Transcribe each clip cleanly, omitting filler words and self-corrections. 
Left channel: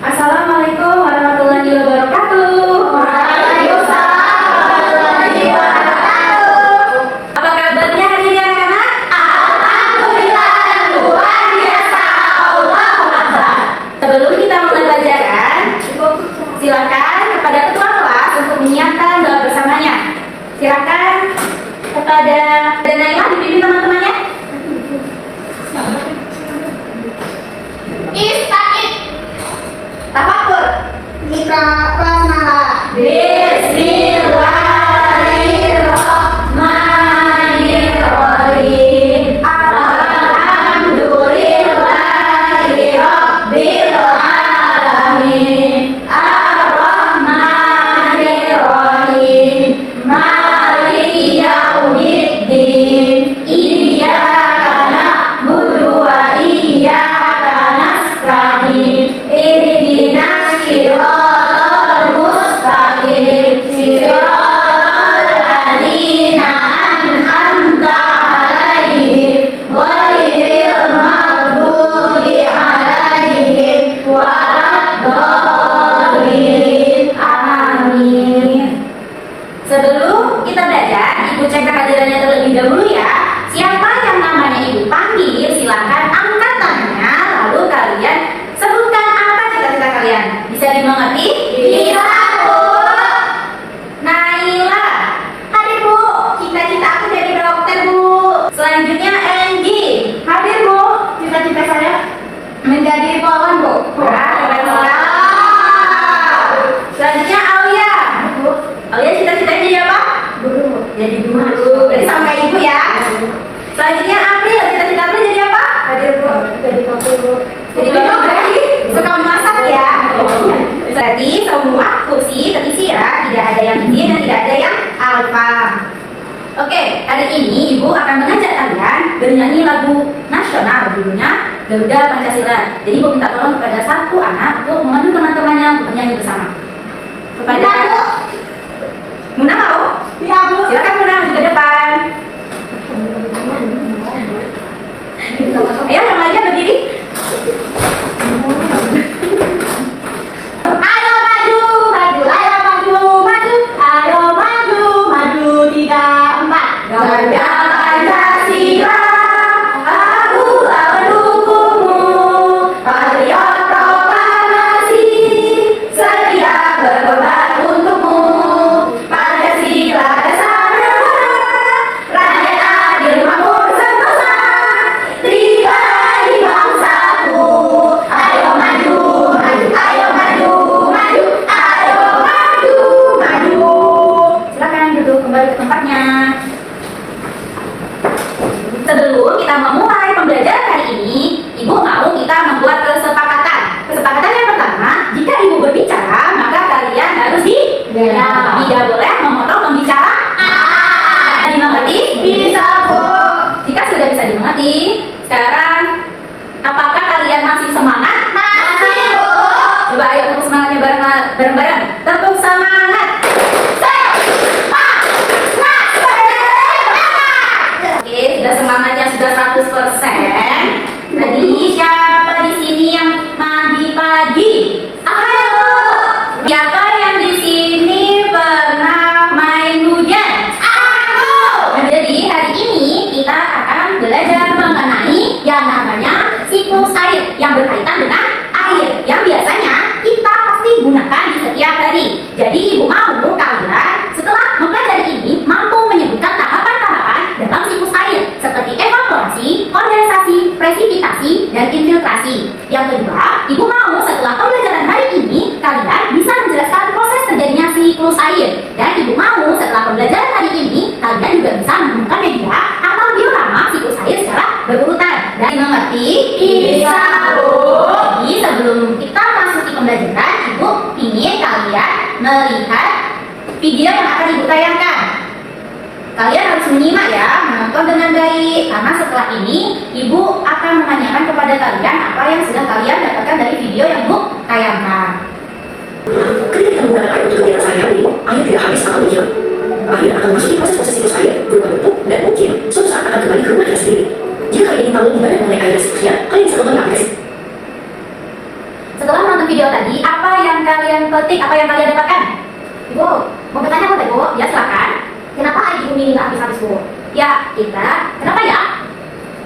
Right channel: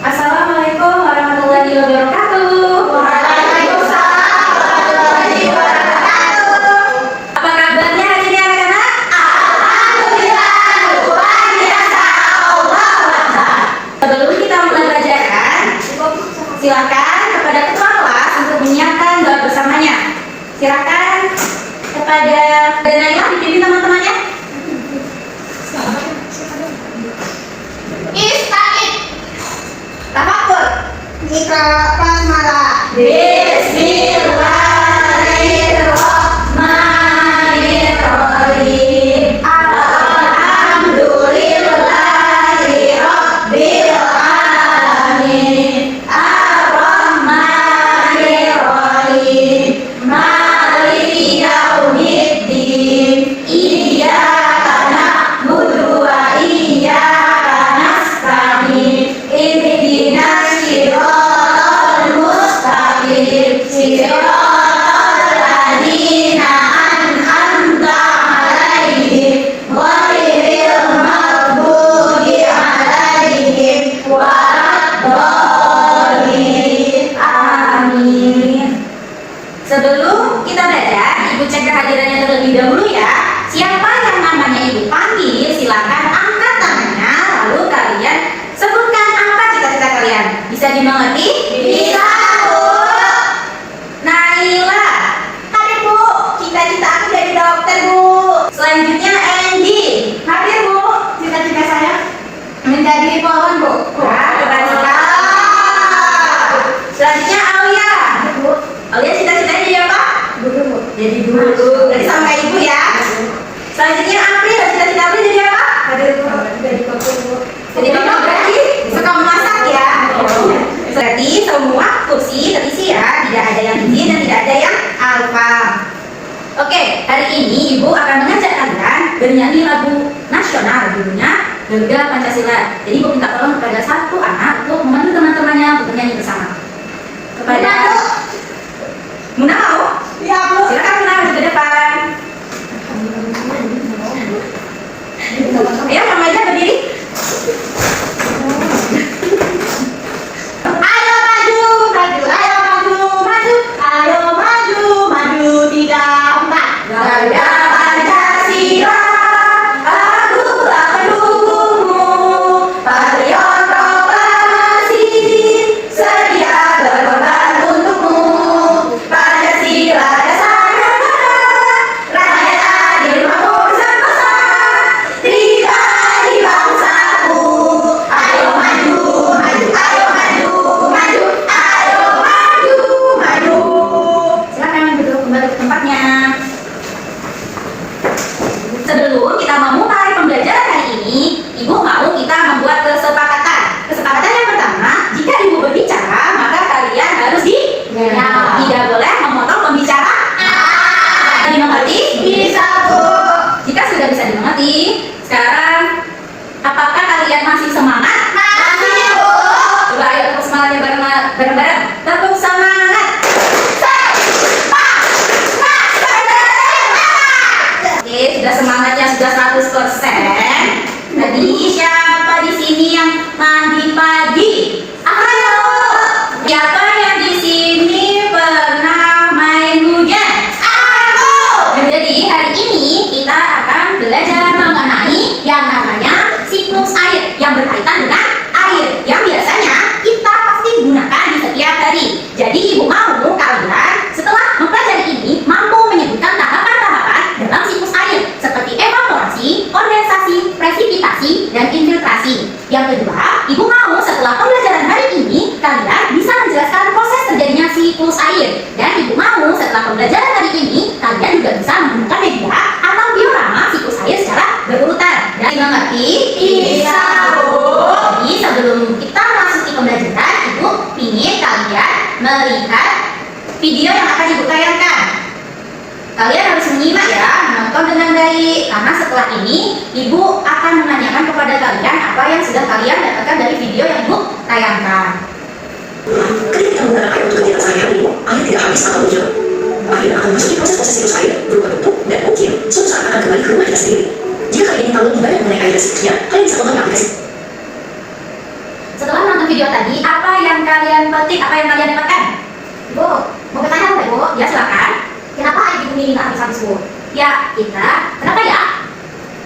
Assalamualaikum warahmatullahi wabarakatuh. Waalaikumsalam warahmatullahi wabarakatuh. Apa kabarnya hari ini anak-anak? Alhamdulillah, luar biasa. Allahu Akbar. Sebelum kita mulai pelajaran, silakan kepada ketua kelas untuk menyiapkan doa bersamanya. Silakan kepada Naila dipimpin teman-temannya. Ista'id. Tafakkur. Mitra Pramala. Bismillahirrahmanirrahim. Alhamdulillahi rabbil alamin. Ar-Rahmanirrahim. Maliki yaumiddin. Iyyaka na'budu wa iyyaka nasta'in. Ihdinas siratal mustaqim. Siratal ladzina an'amta 'alaihim ghairil maghdubi 'alaihim waladdallin. Amin. Sebelum kita belajar, Ibu cek kehadirannya terlebih dahulu ya. Siapa yang namanya Ibu panggil, silakan angkat tangannya, lalu kalian sebutkan apa cita-cita kalian. Bisa dimengerti? Bisa, Bu. Naila. Hadir, Bu. Cita-cita aku jadi dokter, Bu. Selanjutnya Anggi. Hadir, Bu. Cita-cita saya menjadi polwan, Bu. Wah, keren sekali. Selanjutnya Aulia. Aulia cita-citanya jadi apa? Guru. Jadi guru. Tadi sama kayak Ibu ya. Selanjutnya April, cita-cita April jadi apa? Hadir, Bu. Jadi kopi, Bu. Jadi apa berarti? Suka memasak ya? Berarti semua kursi terisi ya, tidak ada yang izin dan tidak ada yang alfa. Oke, hari ini Ibu akan mengajak kalian bernyanyi lagu nasional judulnya Garuda Pancasila. Jadi Ibu minta tolong kepada satu anak untuk memandu teman-temannya untuk bernyanyi bersama. Kepada Muna mau? Ya, Bu. Silakan Muna maju ke depan. Ayo remaja berdiri. Ayo maju, maju, ayo maju, maju, ayo maju, maju 3, 4. Garuda Pancasila, aku akan dukungmu. Patriot proklamasi, sedia berkorban untukmu. Pancasila dasar negara, rakyat adil makmur sentosa. Tiga di bangsaku, ayo maju, maju, ayo maju, maju, ayo maju, maju. Silakan duduk kembali ke tempatnya. Sebelum kita memulai pembelajaran hari ini, Ibu mau kita membuat kesepakatan. Kesepakatan yang pertama, jika Ibu berbicara, maka kalian harus diam. Tidak boleh memotong pembicara. Dimengerti? Bisa, Bu. Jika sudah bisa dimengerti, sekarang apakah kalian masih semangat? Masih, Bu. Coba ayo tepuk semangatnya bareng-bareng. Tepuk semangat. Oke, sudah semangatnya sudah 100%. Tadi siapa di sini yang mandi pagi? Ayo. Siapa yang di sini pernah main hujan? Aku. Jadi hari ini kita akan belajar mengenai yang namanya siklus air yang berkaitan dengan air yang biasanya kita pasti gunakan di setiap hari. Jadi Ibu mau kalian setelah mempelajari ini mampu menyebutkan tahapan-tahapan dalam siklus air seperti evaporasi, kondensasi, presipitasi, dan infiltrasi. Yang kedua, Ibu mau setelah pembelajaran hari ini kalian bisa menjelaskan proses terjadinya siklus air. Dan Ibu mau setelah pembelajaran hari ini kalian juga bisa menggunakan media atau diorama siklus air secara berurutan. Dan mengerti? Bisa, Bu. Jadi sebelum kita masuk ke pembelajaran, Ibu ingin kalian melihat video yang akan Ibu tayangkan. Kalian harus menyimak ya, menonton dengan baik, karena setelah ini Ibu akan menanyakan kepada kalian apa yang sudah kalian dapatkan dari video yang Ibu tayangkan. Ketika kita menggunakan air untuk kegiatan sehari-hari, air tidak habis atau hilang. Air akan memasuki proses-proses siklus air berupa bentuk dan mungkin suatu saat akan kembali ke rumah kita sendiri. Jika kalian ingin tahu lebih banyak mengenai air dan siklusnya, kalian bisa tonton aplikasi. Setelah menonton video tadi, tadi, apa yang kalian petik, apa yang kalian dapatkan? Ibu, mau bertanya boleh Bu? Ya silakan. Kenapa air di bumi nggak habis-habis Bu? Ya, kenapa ya?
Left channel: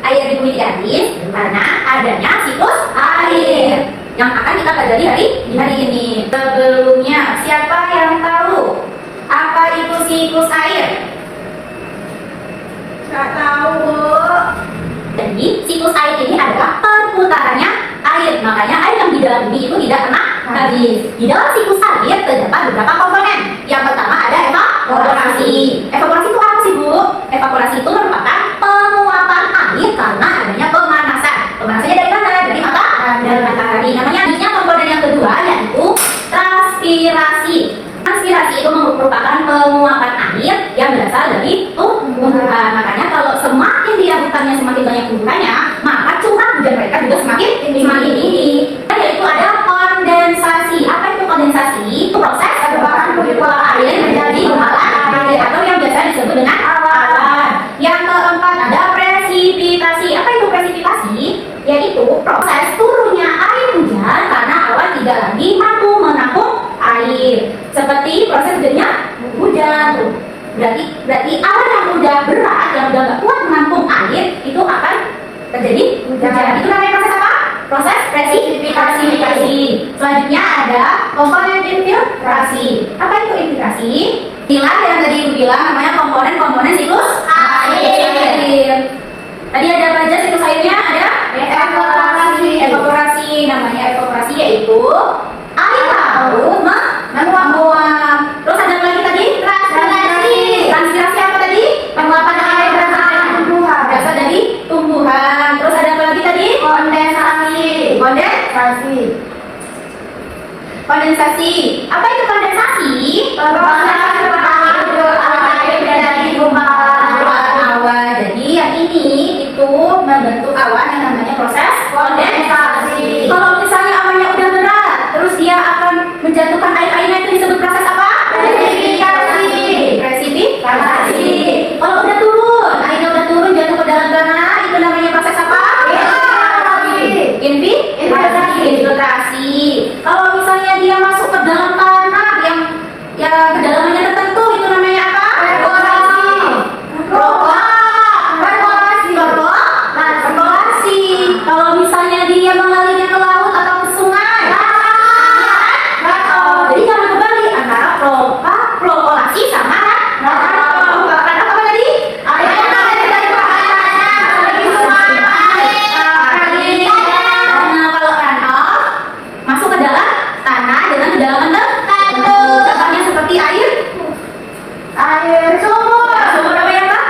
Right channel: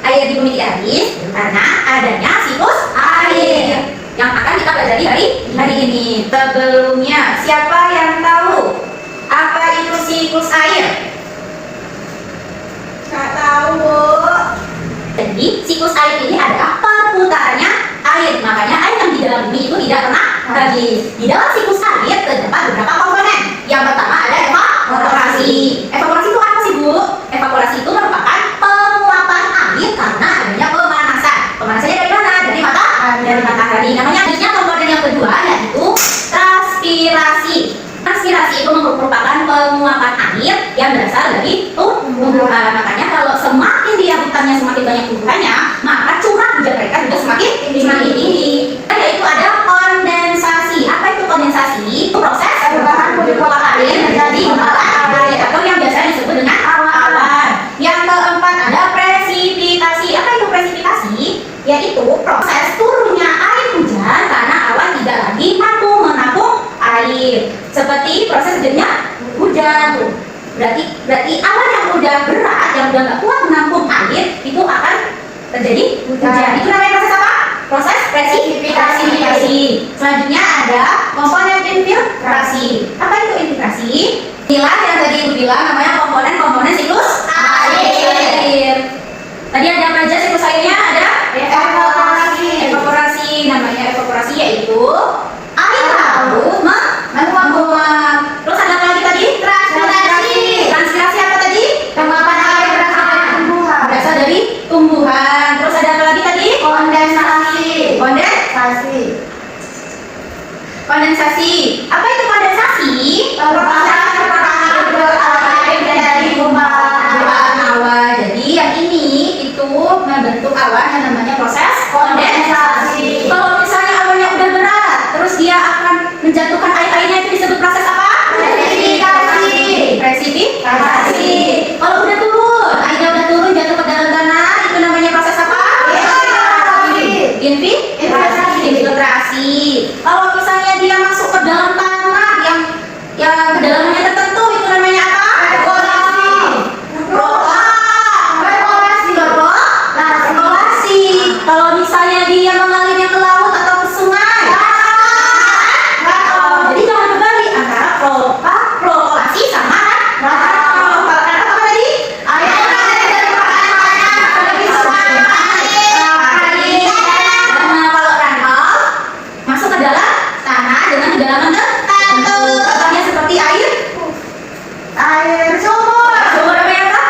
Air di bumi tidak habis karena adanya siklus air yang akan kita pelajari hari ini. Sebelumnya, siapa yang tahu apa itu siklus air? Nggak tahu Bu. Jadi, siklus air ini adalah perputarannya air. Makanya air yang di dalam bumi itu tidak pernah habis. Di dalam siklus air terdapat beberapa komponen. Yang pertama ada evaporasi. Evaporasi itu apa sih Bu? Evaporasi itu merupakan penguapan air karena adanya pemanasan. Pemanasannya dari mana? Dari matahari. Namanya selanjutnya komponen yang kedua yaitu transpirasi. Transpirasi itu merupakan penguapan air yang berasal dari tumbuhan. Makanya kalau semakin dia hutannya semakin banyak tumbuhannya, maka curah hujan mereka juga semakin tinggi. Dan yaitu ada kondensasi. Apa itu kondensasi? Itu proses perubahan molekul air menjadi gumpalan air atau yang biasa disebut dengan awan. Yang keempat ada presipitasi. Apa itu presipitasi? Yaitu proses turunnya air hujan karena awan tidak lagi mampu menampung air. Seperti proses terjadinya hujan tuh. Berarti awan yang udah berat, yang udah nggak kuat menampung air, itu akan terjadi hujan. Itu namanya proses apa? Proses presipitasi. Selanjutnya ada komponen infiltrasi. Apa itu infiltrasi? Inilah yang tadi Ibu bilang namanya komponen siklus air. Tadi ada apa aja siklus airnya? Ada evaporasi. Namanya evaporasi yaitu air laut menguap. Terus ada apa lagi tadi? Transpirasi apa tadi? Penguapan air Berasal dari tumbuhan. Terus ada apa lagi tadi? Kondensasi. Apa itu kondensasi? Proses perputaran air menjadi gumpalan awan. Jadi yang ini itu membentuk awan yang namanya proses kondensasi. Kalau misalnya awannya udah berat, terus dia akan menjatuhkan air-airnya, itu disebut proses apa? Presipitasi. Kalau udah turun, airnya udah turun jatuh ke dalam tanah, itu namanya proses apa? Infiltrasi. Kalau misalnya dia masuk ke dalam tanah yang kedalamannya tertentu, itu namanya apa? Evaporasi. Kalau misalnya dia mengalirnya ke laut atau ke sungai, jadi jangan kembali antara flokasi sama apa tadi? Karena kalau runoff masuk ke dalam tanah dengan kedalaman tertentu. Contohnya seperti air sumur. sumur apa ya Kak?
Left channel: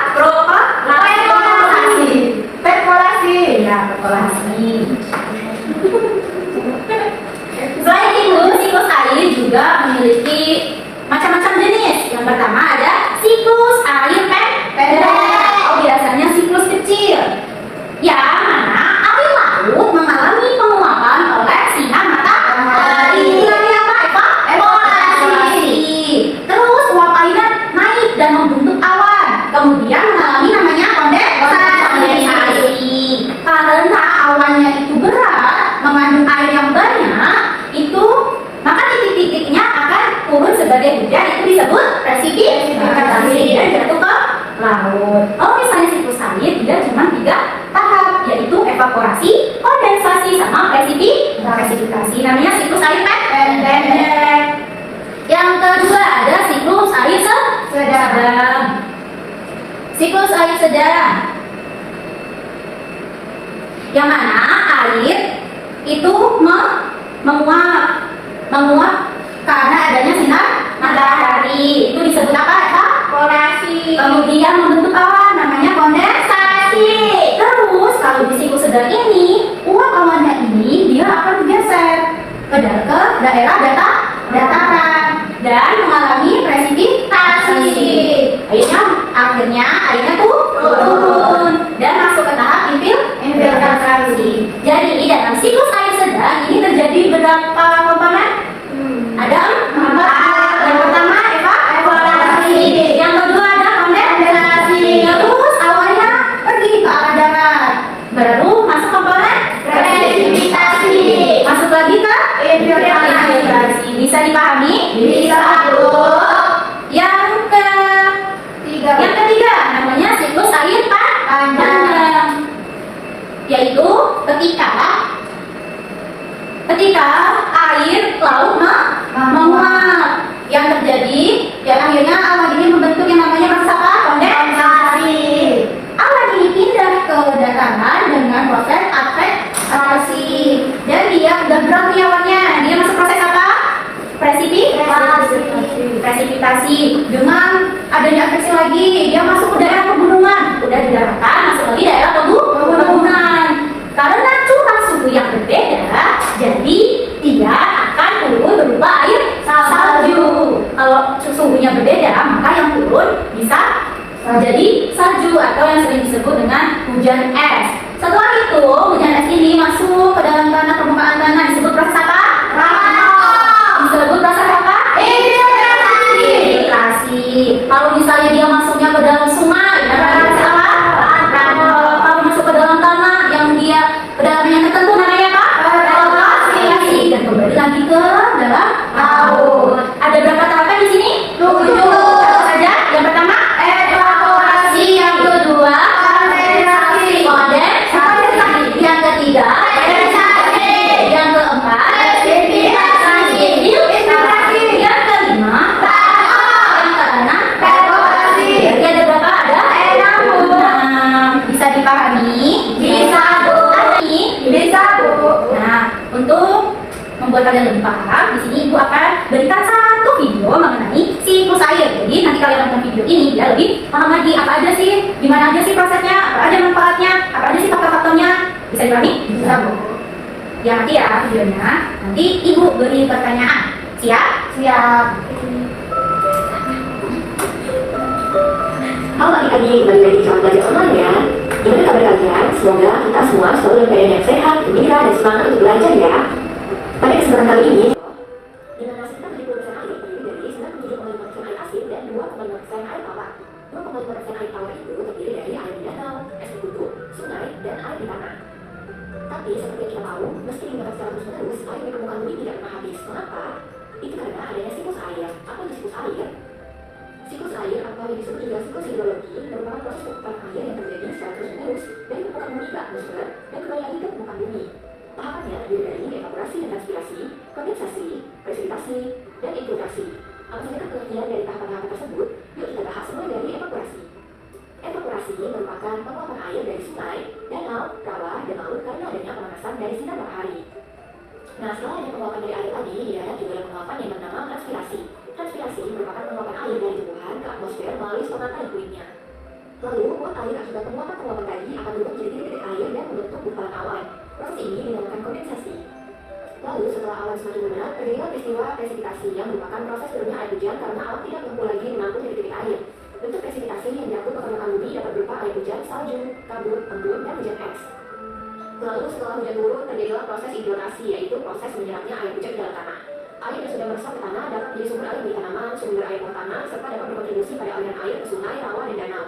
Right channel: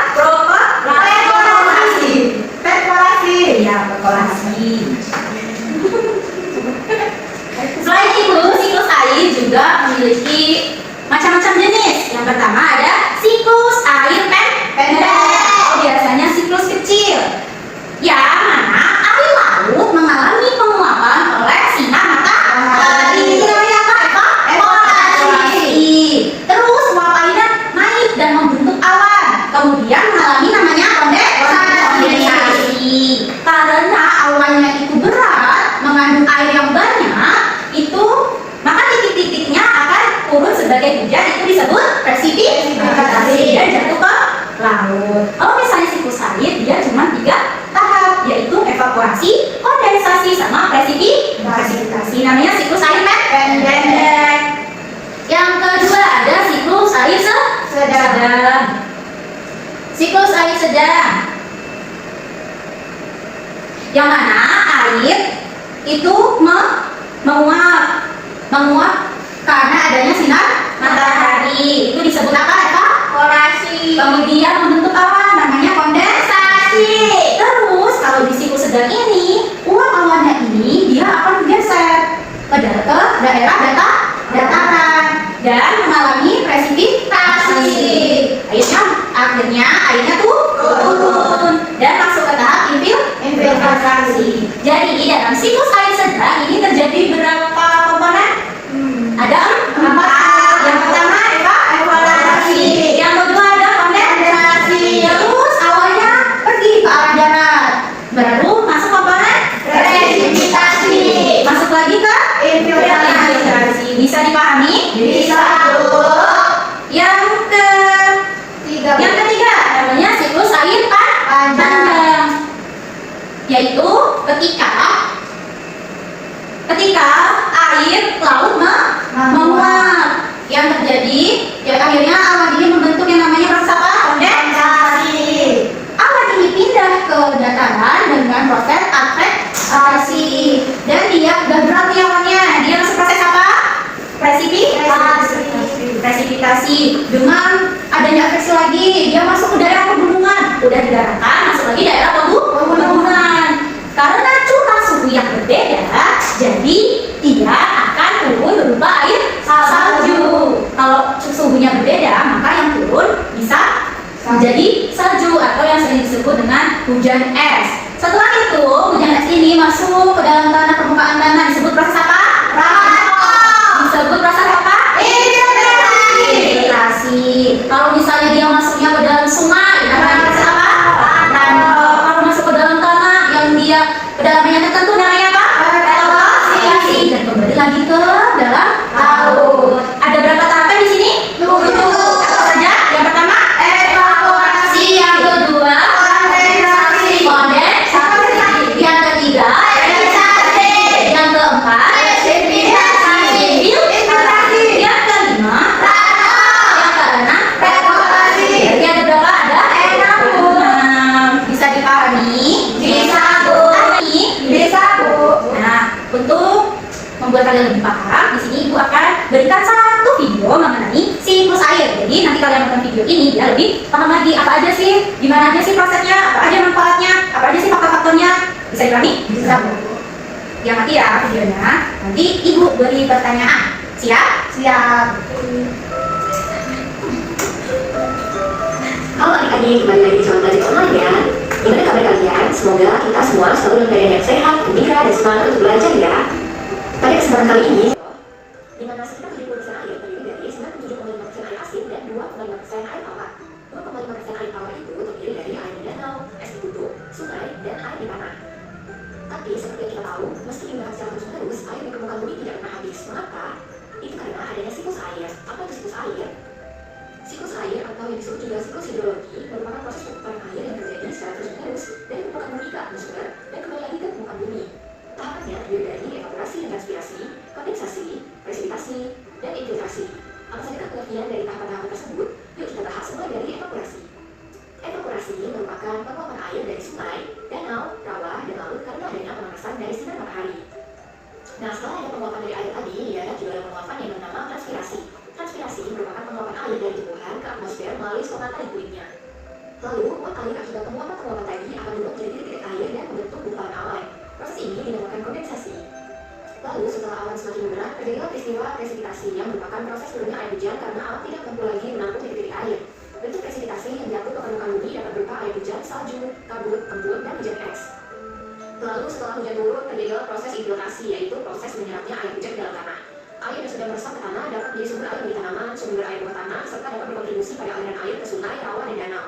Perkolasi. Iya, perkolasi. Selain itu, siklus air juga memiliki macam-macam jenis. Yang pertama ada siklus air pendek. Biasanya siklus kecil. Yang mana air laut mengalami penguapan oleh sinar matahari. Itu namanya apa? Evaporasi. Terus uap airnya naik dan membentuk awan. Kemudian mengalami namanya kondensasi. Karena awannya itu berat, mengandung air yang banyak, itu maka titik-titiknya akan turun sebagai hujan. Itu disebut presipitasi dan jatuh ke laut. Kalau misalnya siklus air, dia cuma 3 tahap, yaitu evaporasi, kondensasi, sama presipitasi. Namanya siklus air pendek. Yang kedua ada siklus air sedang. Siklus air sedang, yang mana air itu menguap karena adanya sinar matahari. Itu disebut apa? Evaporasi. Kemudian membentuk awan, namanya kondensasi. Terus kalau di siklus sedang ini, uap awannya ini dia akan bergeser ke daerah dataran dan mengalami presipitasi. Akhirnya airnya turun dan masuk ke tahap infiltrasi. Jadi dalam siklus air sedang ini terjadi berapa komponen? Ada 4. Yang pertama evaporasi. Yang kedua ada kondensasi. Terus awannya pergi ke arah darat. Baru masuk komponen presipitasi. Masuk lagi ke infiltrasi. Hidrasi. Bisa dipahami? Bisa, Bu. Yang Tiga. ketiga namanya siklus air panjang, yaitu ketika air laut menguap, yang terjadi yang akhirnya awan ini membentuk yang namanya proses apa? Kondensasi. Awan ini pindah ke dataran dengan proses akrestasi, dan dia udah berarti awannya dia masuk proses apa? Presipitasi. Dengan adanya akresi lagi dia masuk ke daerah pegunungan, udah di daratan masuk lagi daerah pegunungan. Karena curah suhu yang berbeda, jadi dia akan turun berupa air salju. Kalau suhunya berbeda, maka yang turun bisa jadi salju atau yang sering disebut dengan hujan es. Setelah itu, hujan es ini masuk ke dalam tanah, permukaan tanah, disebut proses apa? Disebut proses apa? Infiltrasi. Kalau misalnya dia masuknya ke dalam sungai, namanya proses apa? Kalau masuk ke dalam tanah yang dia kedalamannya tertentu, namanya apa? Evaporasi. Dan kembali lagi ke dalam laut. Ada berapa tahapan di sini? 7. Apa saja? Yang pertama, evaporasi. Yang kedua, kondensasi. Yang ketiga, yang keempat, presipitasi. Yang kelima, yang keenam, evaporasi. Berarti ada berapa? Ada 6. Bisa dipahami? Bisa, Bu. Nah, untuk membuat kalian lebih paham, di sini Ibu akan berikan satu video mengenai siklus air. Jadi nanti kalian nonton video ini biar lebih paham lagi apa aja sih, gimana aja sih prosesnya, apa aja manfaatnya, apa aja sih faktor-faktornya. Bisa dipahami? Bisa, Bu. Ya nanti ya videonya, nanti Ibu beri pertanyaan. Siap? Siap. Halo adik-adik, kembali lagi di Selamat Belajar Online ya. Gimana kabar kalian? Semoga kita semua selalu dalam keadaan yang sehat, gembira, dan semangat untuk belajar ya. Pada kesempatan kali ini, di mana sekitar 70% air terdiri dari 97,5% air asin dan 2,5% air tawar. 2,5% air tawar itu terdiri dari air di danau, es di gunung, sungai, dan air di tanah. Tapi seperti yang kita tahu, meski digunakan secara terus-menerus, air di permukaan bumi tidak pernah habis. Mengapa? Itu karena adanya siklus air. Apa itu siklus air? Siklus air atau yang disebut juga siklus hidrologi merupakan proses perputaran air yang terjadi secara terus-menerus dari permukaan bumi ke atmosfer dan kembali lagi ke permukaan bumi. Tahapannya terdiri dari evaporasi dan transpirasi, kondensasi, presipitasi, dan infiltrasi. Apa saja pengertian dari tahapan-tahapan tersebut? Yuk kita bahas mulai dari evaporasi. Evaporasi merupakan penguapan air dari sungai, danau, rawa, dan laut karena adanya pemanasan dari sinar matahari. Nah, setelah ada penguapan dari air tadi, dia juga ada penguapan yang bernama transpirasi. Transpirasi merupakan penguapan air dari tumbuhan ke atmosfer melalui stomata liquidnya. Lalu, uap air akibat penguapan tadi akan berubah menjadi titik-titik air dan membentuk gumpalan awan. Proses ini dinamakan kondensasi. Lalu, setelah awan semakin bergerak, terjadilah peristiwa presipitasi yang merupakan proses turunnya air hujan karena awan tidak mampu lagi menampung titik-titik air. Bentuk presipitasi yang diatur ke permukaan bumi dapat berupa air hujan, salju, kabut, embun, dan hujan es. Lalu, setelah hujan turun, terjadilah proses infiltrasi, yaitu proses menyerapnya air hujan ke dalam tanah. Air yang sudah meresap ke tanah dapat menjadi sumber air bagi tanaman, sumber air bawah tanah, serta dapat berkontribusi pada aliran air ke sungai, rawa, dan danau.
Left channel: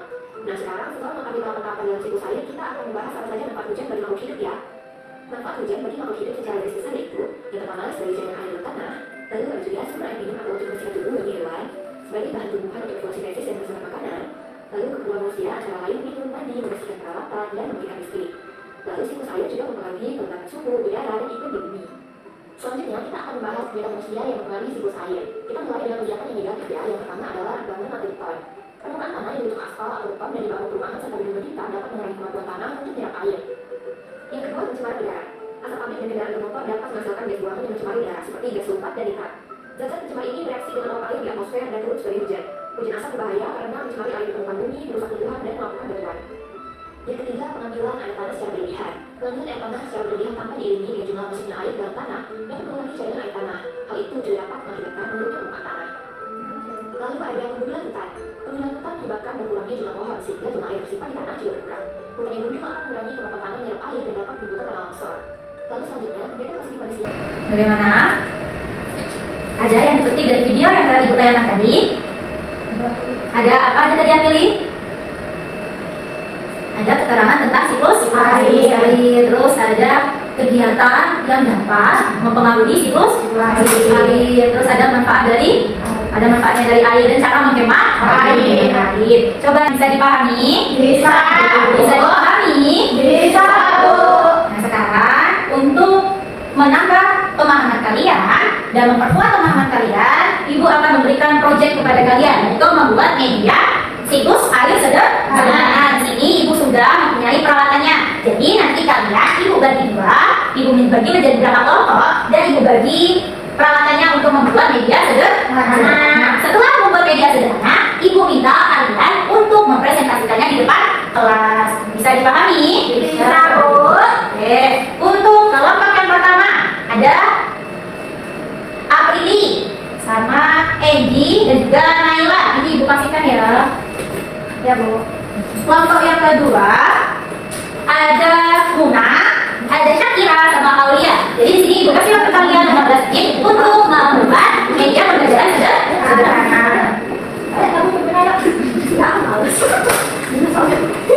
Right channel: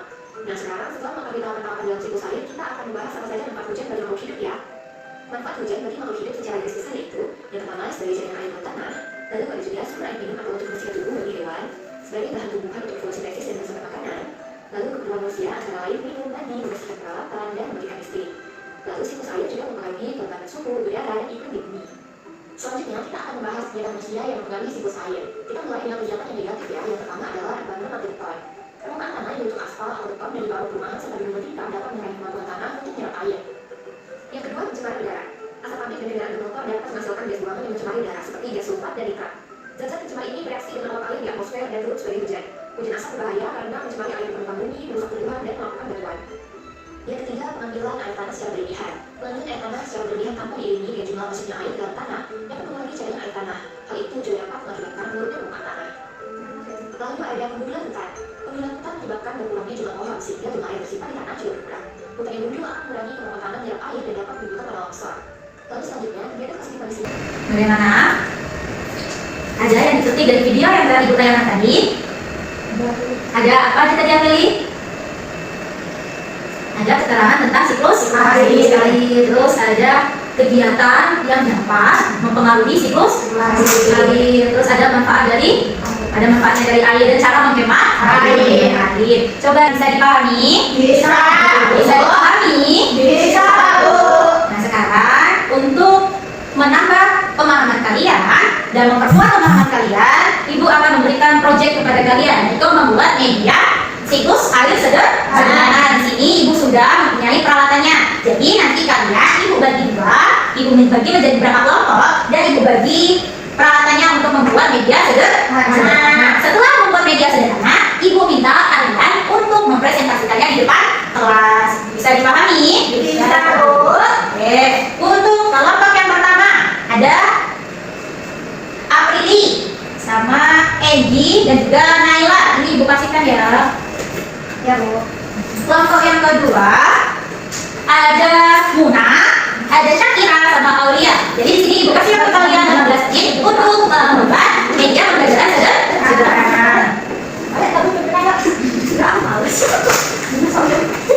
Nah, sekarang setelah mengetahui tahapan-tahapan dalam siklus air, kita akan membahas apa saja manfaat hujan bagi makhluk hidup ya. Manfaat hujan bagi makhluk hidup secara garis besar yaitu yang pertama sebagai jaringan air dalam tanah, lalu ada juga sumber air minum atau untuk bersihkan tubuh bagi hewan, sebagai bahan tumbuhan untuk fotosintesis dan bersifat makanan, lalu keperluan manusia antara lain minum, mandi, membersihkan peralatan, dan memberikan listrik. Lalu siklus air juga mempengaruhi kelembapan suhu, udara, dan iklim di bumi. Selanjutnya kita akan membahas kegiatan manusia yang mempengaruhi siklus air. Kita mulai dengan kegiatan yang negatif ya. Yang pertama adalah bangunan atau beton. Permukaan tanah yang bentuk aspal atau beton dan dibangun perumahan serta gedung hitam dapat mengurangi kemampuan tanah untuk menyerap air. Yang kedua, pencemaran udara. Asap pabrik dan kendaraan bermotor dapat menghasilkan gas buangan yang mencemari udara seperti gas sulfat dan nitrat. Zat-zat pencemar ini bereaksi dengan uap air di atmosfer dan turun sebagai hujan. Hujan asap berbahaya karena mencemari air di permukaan bumi, merusak tumbuhan dan melakukan batuan. Yang ketiga, pengambilan air tanah secara berlebihan. Pengambilan air tanah secara berlebihan tanpa diiringi dengan jumlah masuknya air dalam tanah dapat mengurangi cairan air tanah. Hal itu juga dapat mengakibatkan menurunnya permukaan tanah. Lalu ada pembunuhan hutan. Pembunuhan hutan menyebabkan berkurangnya jumlah pohon sehingga jumlah air tersimpan di tanah juga berkurang. Hutan yang gundul akan mengurangi kemampuan tanah menyerap air dan dapat menimbulkan tanah longsor. Lalu selanjutnya, kegiatan positif di sini. Bagaimana? Aja yang dipetik dari video yang tadi Ibu tayangkan tadi? Ada apa aja tadi yang pilih? Ada keterangan tentang siklus air, terus ada kegiatan yang dapat mempengaruhi siklus air. Terus ada manfaatnya dari air dan cara menghemat air. Coba bisa dipahami? Bisa. Bisa dipahami? Bisa, Bu. Nah sekarang untuk menambah pemahaman kalian dan memperkuat pemahaman kalian, Ibu akan memberikan proyek kepada kalian yaitu membuat media siklus air sederhana. Di sini Ibu sudah mempunyai peralatannya. Jadi nanti kalian Ibu bagi dua, Ibu bagi menjadi berapa kelompok dan Ibu bagi peralatannya untuk membuat media sederhana. Setelah membuat media sederhana, Ibu minta kalian untuk mempresentasikannya di depan kelas. Bisa dipahami? Bisa, Bu. Oke. Untuk kelompok yang pertama ada Aprili sama Egi dan juga Naila. Ini Ibu kasihkan ya. Ya, Bu. Kelompok yang kedua ada Muna, ada Syakira sama Aulia. Jadi di sini Ibu kasih waktu kalian 15 menit untuk membuat media pembelajaran sederhana. Ayo, kamu benar ya? Enggak, males.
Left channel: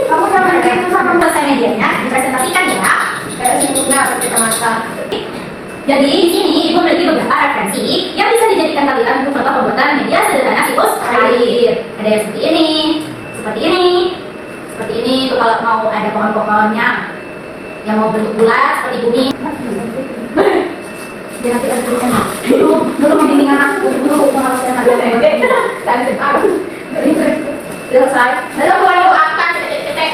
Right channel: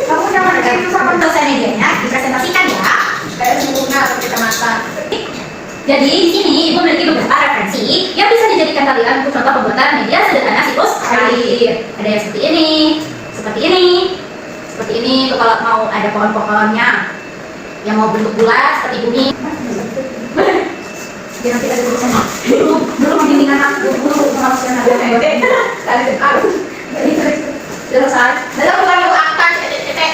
Kamu jangan kayak itu sama selesai medianya, dipresentasikan ya. Kayak sempurna kecamatan. Jadi di sini Ibu memiliki beberapa referensi yang bisa dijadikan kalian untuk contoh pembuatan media sederhana siklus air. Ada yang seperti ini, seperti ini, seperti ini. Itu kalau mau ada pohon-pohonnya yang mau bentuk bulat seperti bumi. Jadi nanti ada tulisannya. Dulu pembimbingan aku, dulu pengawasan ada kayak selesai. Lalu kalau akan cetek-cetek.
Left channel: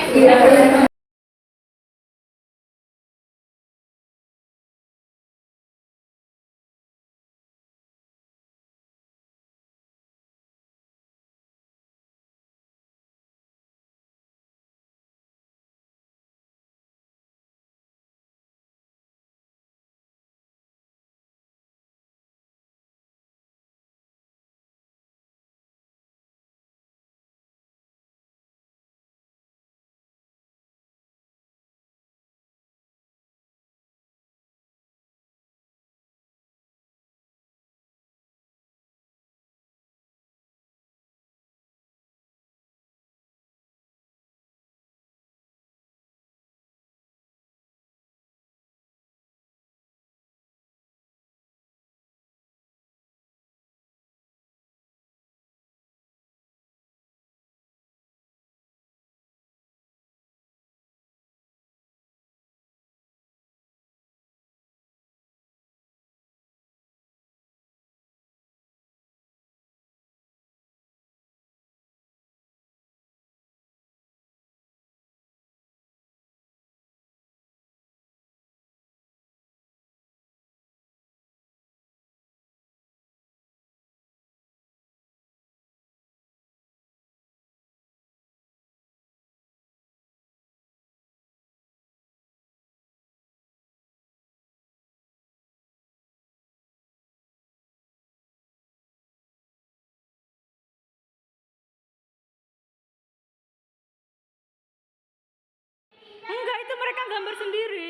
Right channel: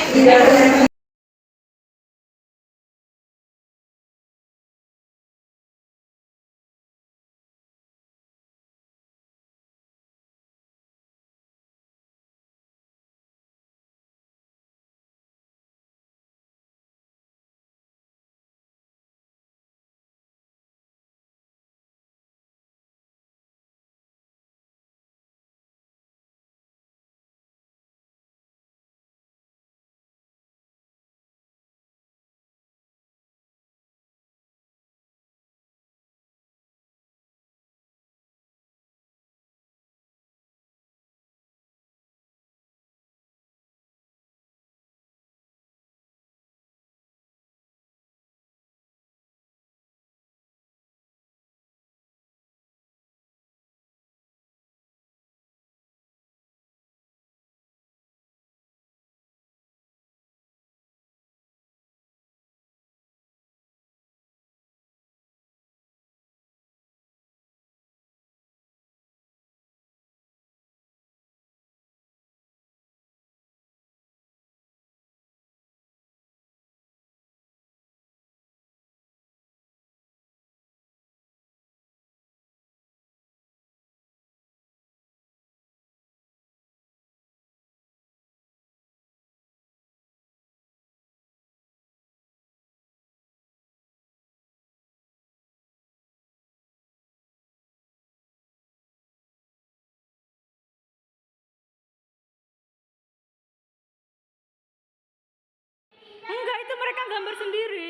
Enggak, itu mereka gambar sendiri.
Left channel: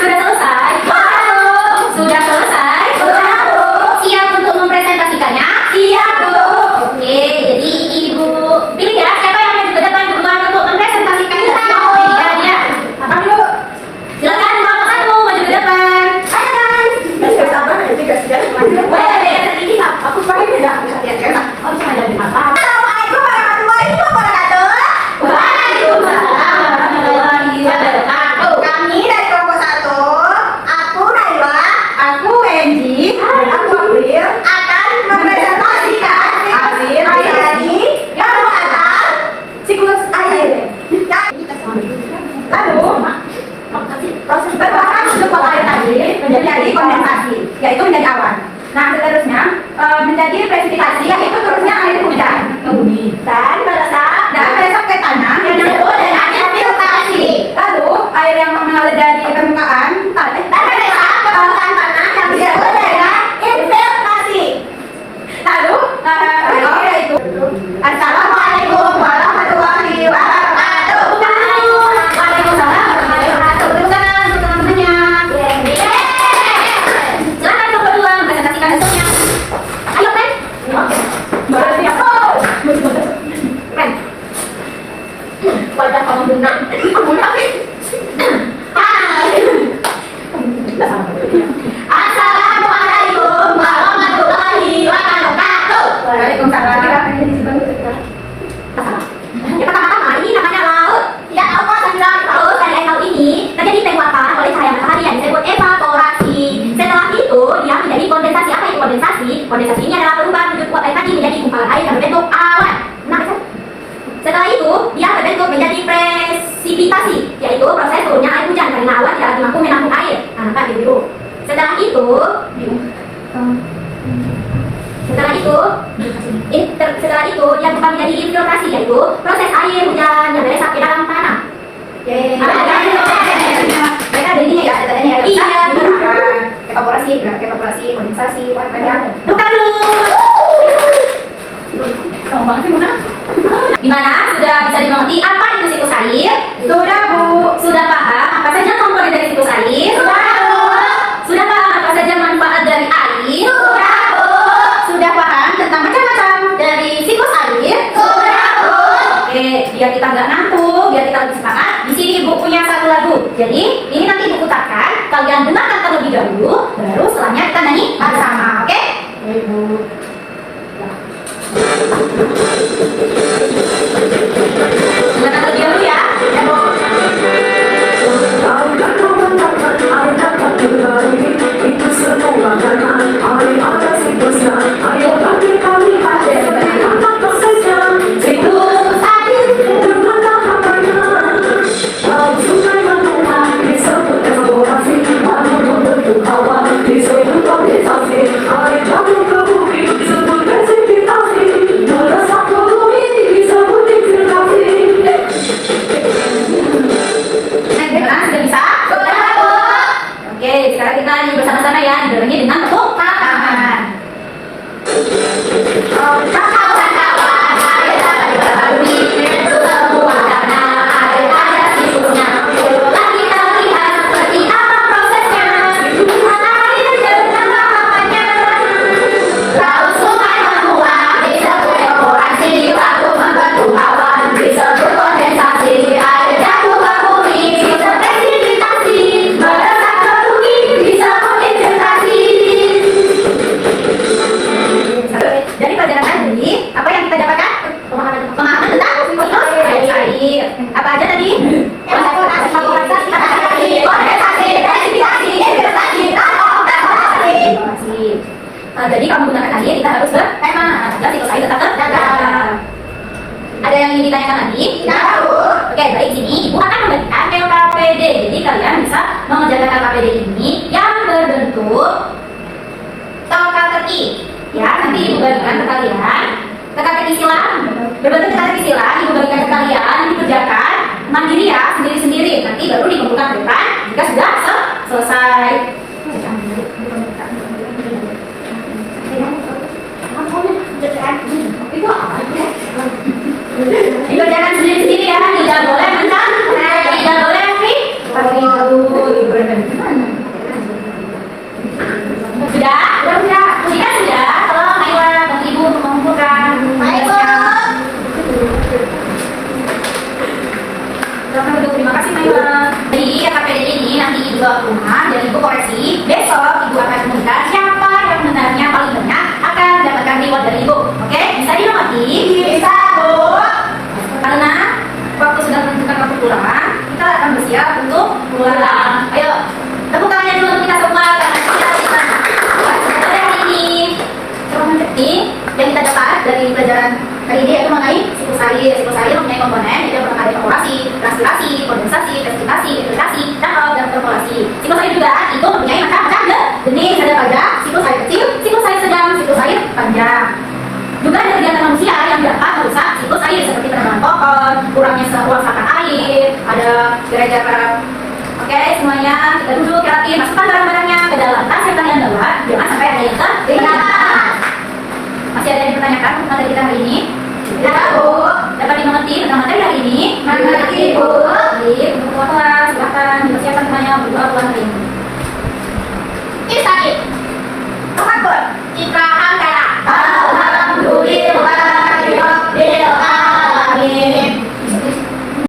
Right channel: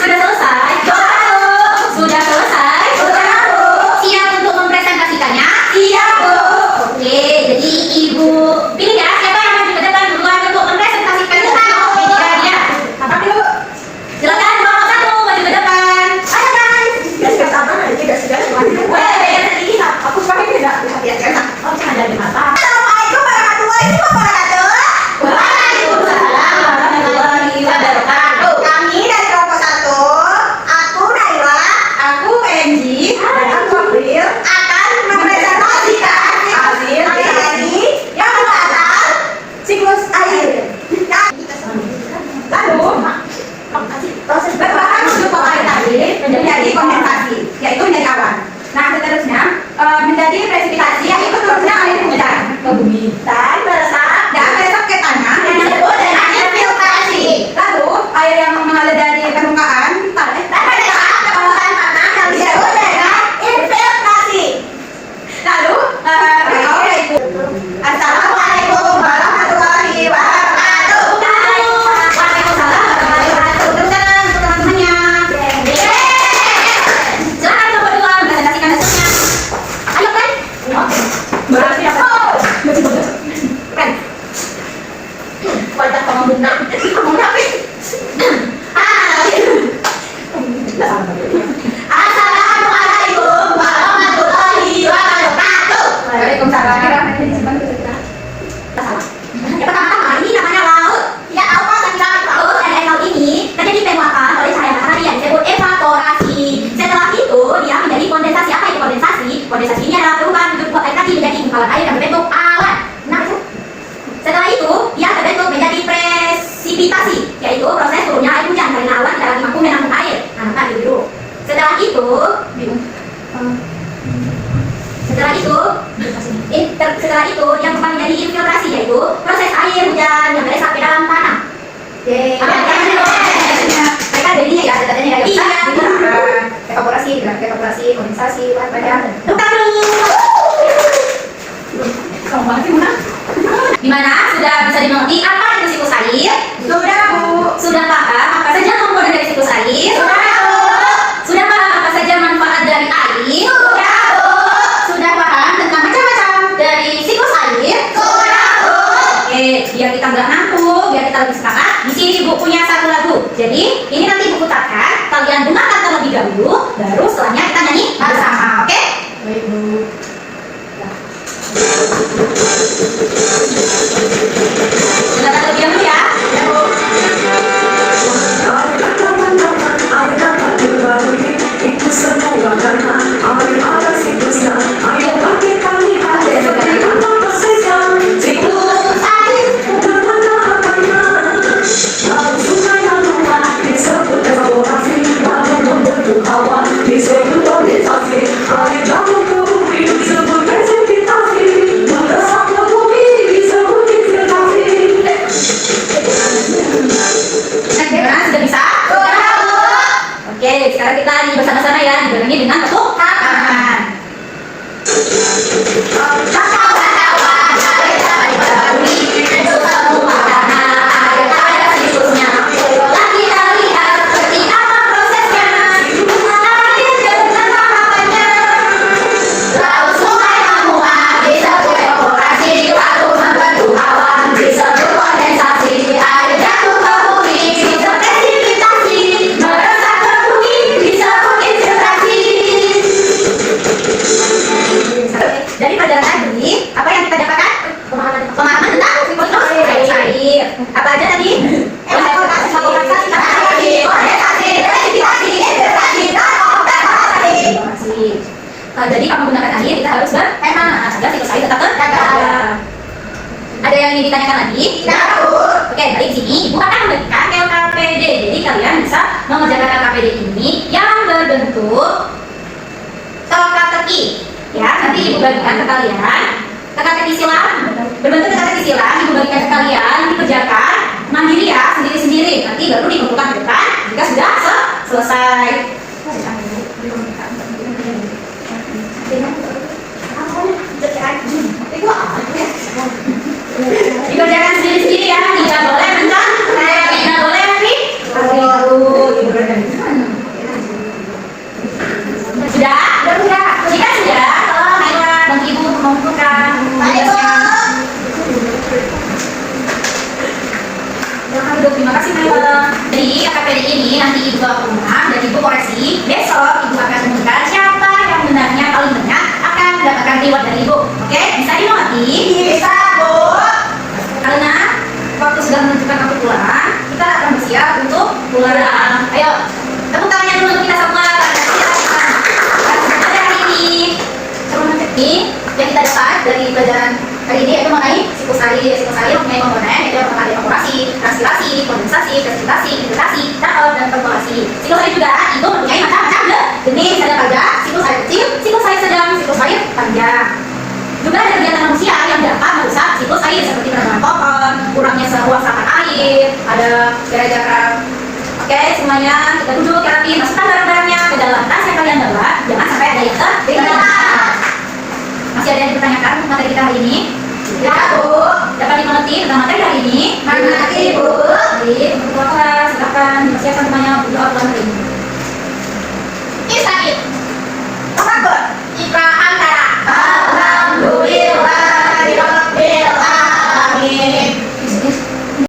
Sudah selesai? Sudah selesai? Siap untuk mempresentasikannya? Siap, Bu. Oke, jadi Ibu pilih ya siapa yang maju ke depan duluan untuk mempresentasikan medianya. Apa dulu? Silakan kelompok satu maju ke depan. Ayo, guys. Gak sabar aja, gak segan semuanya. Wah, beda sedikit. Aku pakai beda. Hati-hati. Kamu jangan jadi mata. Assalamualaikum warahmatullahi wabarakatuh. Waalaikumsalam warahmatullahi itu, setelah itu yang kembali dari infiltrasi yaitu proses air hujan yang berada sampai dalam tanah. Mereka jadinya ya, datanya ya. Iya. Evaporasi, kondensasi, bahan-bahan. Tepuk Gimana? Sudah bisa dimengerti apa itu siklus air? Sudah, Bu. Sudah paham apa saja komponen dari siklus air? Sudah, Bu. Sudah paham apa saja manfaat dari air? Sudah, Bu. Sudah paham tentang macam-macam dari siklus air? Sudah, Bu. Oke, biar kita nggak ngantuk, biar kita lebih semangat, di sini Ibu punya satu lagu. Jadi, ini nanti Ibu putarkan, kalian dengarkan terlebih dahulu, baru setelahnya kita nyanyi bersama, oke? Baik, Bu. Dengarkan terlebih dahulu ya. Gimana? Sudah bisa? Sudah, Bu. Oke, sekarang kita nyanyi bersama-sama ya, dibarengi dengan tepuk tangan. Kawan-kawan, air dapat dilalui, itu semua karena air ada siklusnya. Telah kita lihat seperti apa prosesnya. Air dengan tahapannya. Laut sungai menguap, disebut evaporasi, lalu membentuk awan, disebut kondensasi. Air jatuh ke bumi, disebut presipitasi, meresap ke bumi, disebut infiltrasi. Dari pelajaran tadi, apa yang kita dapatkan? Pemahaman tentang siklus air. Apa aja tadi? Evaporasi, kondensasi, presipitasi, infiltrasi, dan evaporasi. Jadi kamu gunakan air, kita harus berhemat agar siklus air tetap terjaga. Ada yang ingin ditanyakan lagi? Tidak, Bu. Oke, baik, sini Ibu akan membagikan LKPD. Jadi kalian bisa mengerjakan LKPD ini yang berbentuk teka-teki. Ya, nanti Ibu bagikan ke kalian. Teka-teki silang, berbentuk teka-teki silang, Ibu bagikan ke kalian, dikerjakan mandiri ya, sendiri-sendiri. Nanti baru dikumpulkan ke depan jika sudah selesai. Itu apa ya? Dikerjakan sendiri-sendiri ya, tidak boleh mencampur, tidak boleh Sudah? Jika sudah, tolong Naila bantu Ibu mengumpulkan. Baik, Bu. Silakan duduk, terima kasih Naila. Jadi KPD ini nanti Ibu bawa ke rumah dan Ibu koreksi. Besok Ibu akan umumkan siapa yang benarnya paling banyak akan mendapatkan reward dari Ibu. Oke, bisa dimengerti? Bisa, Bu. Karena waktu sudah menentukan waktu pulang, kita akan bersiap untuk pulang. Ayo, tepuk tangannya dulu untuk kita semua. Pada hari ini, yang kita dapat dari pelajaran kali ini yaitu mengenai siklus air. Siklus air mempunyai komponen yaitu ada evaporasi, transpirasi, kondensasi, presipitasi, infiltrasi, dan perkolasi. Siklus air juga itu mempunyai macam-macam jenis. Ada pada siklus air kecil, siklus air sedang, siklus air panjang. Juga ada kegiatan manusia yang dapat merusak siklus air seperti penebangan pohon, kurangnya resapan air, ada gara-gara. Oke, semuanya kita duduk rapi, masukkan barang-barangnya ke dalam tas yang kalian bawa. Jangan sampai ada yang tertinggal. Masih ada yang ditanyakan untuk materi kita hari ini? Tidak, Bu. Dapat dimengerti tentang materi hari ini? Mengerti, Bu. Baik,